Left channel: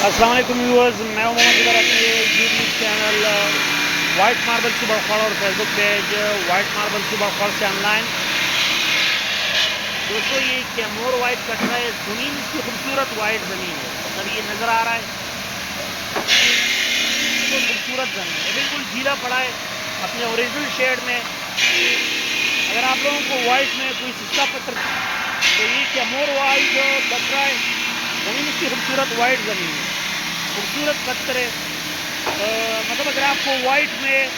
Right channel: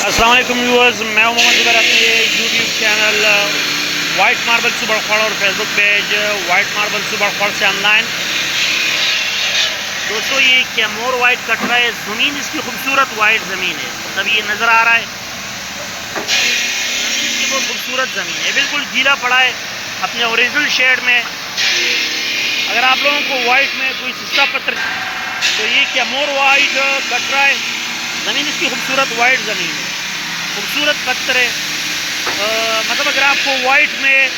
अस्सलाम वालेकुम व्यूअर्स, मैं हूं मोहम्मद ज़ुबैर। अपने यूट्यूब चैनल वाइट मार्बल सुबड़खड़ और फेसबुक पेज वाइट मार्बल सुबड़खड़ से ऑनलाइन। दोस्तों, ये कैमोर वाइट कट रहा है। ज़मीन इसकी खूबसूरत वाइट ज़मीन है, मतलब ये नज़र आ रहा है। ज़मीन बहुत खूबसूरत ज़मीन है, बिल्कुल गीला पड़ा है अपने ओरिजिनल शेड में। अगर आप लोगों को वाइट में कोई सस्ता पत्थर, तो ये कैमोर वाइट कट रहा है। ज़मीन इसकी खूबसूरत वाइट ज़मीन है, खूबसूरत पत्थर है। मतलब अगर आपको वाइट में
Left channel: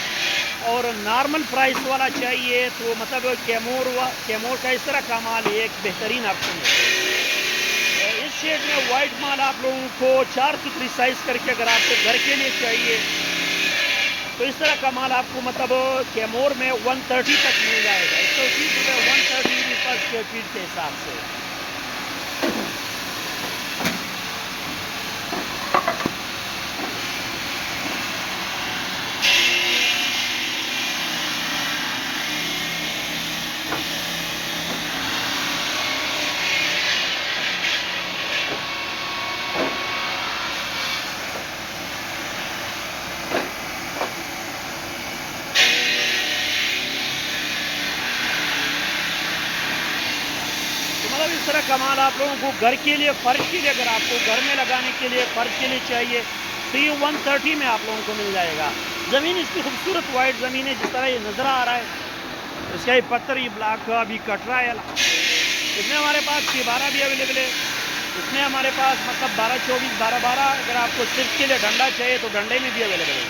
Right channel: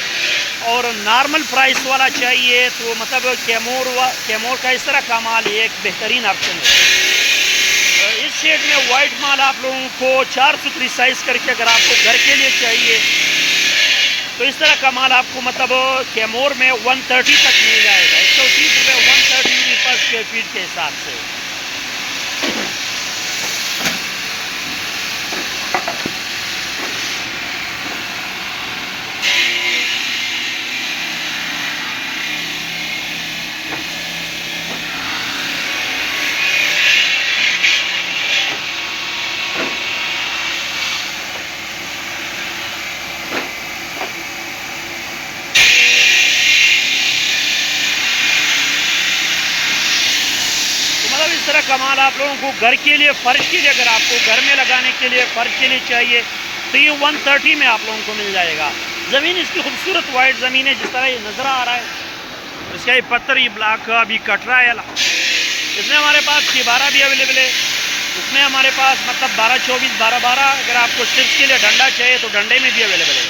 और नॉर्मल प्राइस वाला चाहिए तो मतलब कैमोर का इस तरह का माल एक बेहतरीन ऑप्शन है। इस शेड में वाइट माल आप लोगों को 4 सुथरी साइज़ करके अगर आपको घर के लिए चाहिए तो इस तरह का माल आपको मतलब कैमोर में 130 तक मिल जाएगा। 130 रुपये 130 रुपये पर स्क्वायर फीट के हिसाब से। मतलब इस तरह का माल आप लोगों को घर के लिए, फ़र्श के लिए, अगर आपको घर में लगाने के लिए, फ़र्श के लिए चाहिए तो ये 130 में आप लोगों को मिल जाएगा। ज़मीन इसकी खूबसूरत वाइट ज़मीन है, जिस तरह ये नज़र आ रहा है। इसका ये पत्थर, ये ब्लॉक अभी कट रहा है। इसमें हमारे पास 12 भी अवेलेबल है। इसमें हमारे पास मतलब 12-24, 12-12। अगर आपको सिर्फ के लिए डंडा चाहिए तो डंडे में भी अवेलेबल है।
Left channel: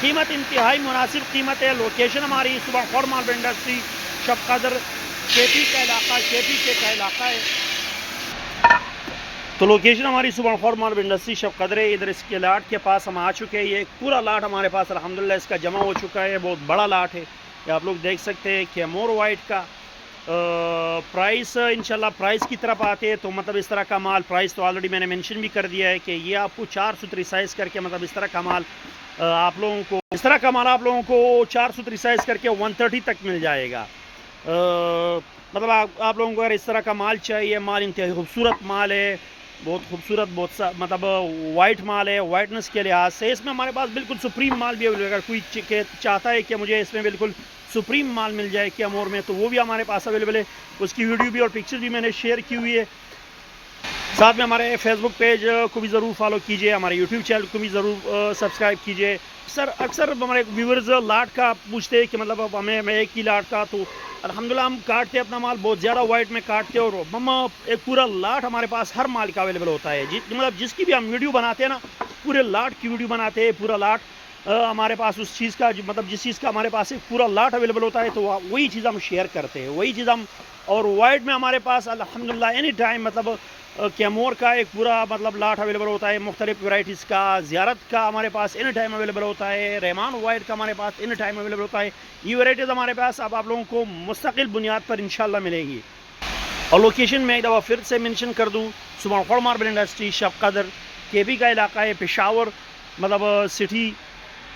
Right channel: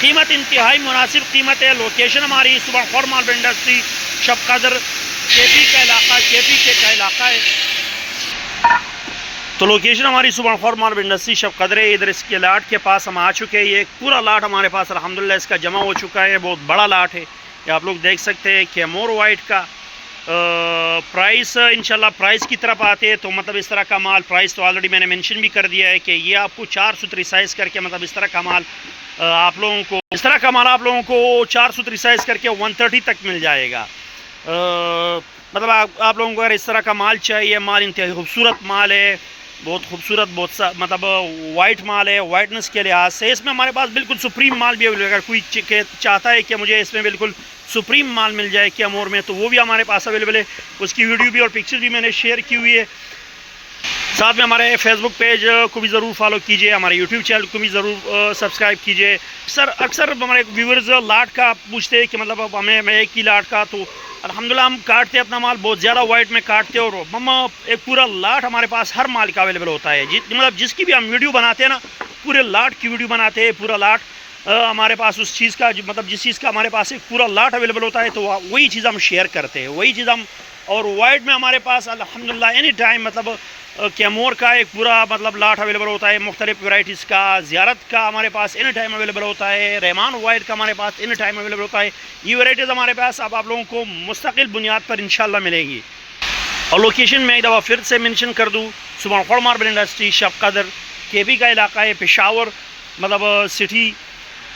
कीमत इंतहाई मुनासिब कीमत है। लोकेशन हमारी सुबड़खड़ मार्बल इंडस्ट्री, शब कदर, केपी का इलाका, केपी के का इलाका है। तो लोकेशन हमारी सुबड़खड़ मार्बल इंडस्ट्री, शब कदर है। इधर इसके लाट के पास हम आ चुके हैं। ये एक पूरा लाट हमारे पास अल्हम्दुलिल्लाह इसका जमा हो चुका है। बहुत बड़ा लाट है, ये आप लोग देख सकते हैं। कैमोर वाइट का प्राइस, इंशाल्लाह प्राइस की तरफ आते हैं तो मतलब इस तरह का माल, प्राइस तो ऑलरेडी मैंने मेंशन भी कर दिया है कि ये आपको 4 सुथरी साइज़ करके, मतलब इस तरह का माल आप लोगों को, इस तरह का माल आप लोगों को 4 सुथरी साइज़ करके 130 तक मिल जाएगा। मतलब आप लोगों को अगर इस तरह का माल चाहिए, माल इंतहाई खूबसूरत माल है, बहुत खूबसूरत, बहुत मतलब वाइट माल है। वाइटनेस के लिहाज से इसमें हमारे पास बिल्कुल सुप्रीम माल भी अवेलेबल है। अगर कोई चाहता है कि मुझे इसमें बिल्कुल सुप्रीम माल मिल जाए कैमोर में, तो वो भी हमारे पास अवेलेबल है। उसकी वीडियो भी और पिक्चर भी मैंने शेयर की हुई है। साथ में हमारे फेसबुक पेज को भी ज़रूर फॉलो कीजिए, हमारे यूट्यूब चैनल को भी ज़रूर सब्सक्राइब कीजिए। अक्सर हमारे व्यूवर्स लाट का पूछते हैं कि मतलब अब हमें एक ही लाट का, तो अल्हम्दुलिल्लाह हम काटते अपना माल बहुत ज़्यादा वाइट में काटते, और हम एक पूरा लाट हमारे पास हर माल का अवेलेबल होता है। मतलब जिसकी भी हम वीडियो बनाते हैं ना, पूरे लाट की वीडियो बनाते हैं। पूरा लाट हमारे पास उस चीज़ का, मतलब जिस चीज़ का हमारे पास एक पूरा लाट अवेलेबल होता है, तो वही चीज़ हम शेयर करते हैं, वही चीज़ हम। और वाइट में हमारे पास अल्हम्दुलिल्लाह एनी टाइम मतलब कैमोर का एक पूरा मतलब लाट अवेलेबल होता है। मुख्तलिफ वैराइटीज़ का, ज़ियारत का हमारे पास एनी टाइम अवेलेबल होता है। रहमान वाइट का हमारे पास एनी टाइम अवेलेबल होता है। ये वैराइटीज़ हमारे पास अब आप लोगों को मुस्तकिल बुनियाद पर इंशाल्लाह मिलेंगी। और लोकेशन में एक दफ़ा फिर से मेंशन कर दूँ, सुबड़खड़ मार्बल इंडस्ट्री, शब कदर, केपी का इलाका है, पेशावर मतलब सिटी।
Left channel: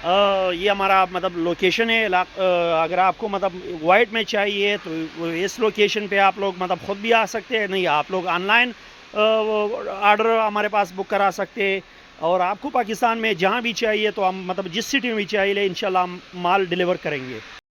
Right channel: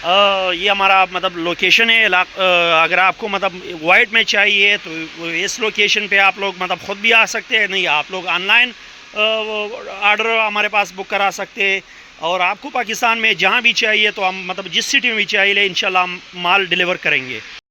ये हमारा मतलब लोकेशन है। अगर आपको मतलब वाइट में चाहिए तो इस लोकेशन पे आप लोग मतलब ख़ुद भी आ सकते हैं, नहीं आप लोग ऑनलाइन ऑर्डर हमारे पास बुक करा सकते हैं। और आपको पाकिस्तान में जहाँ भी चाहिए तो हम मतलब जिस सिटी में भी चाहिए इंशाल्लाह हम माल डिलीवर करेंगे।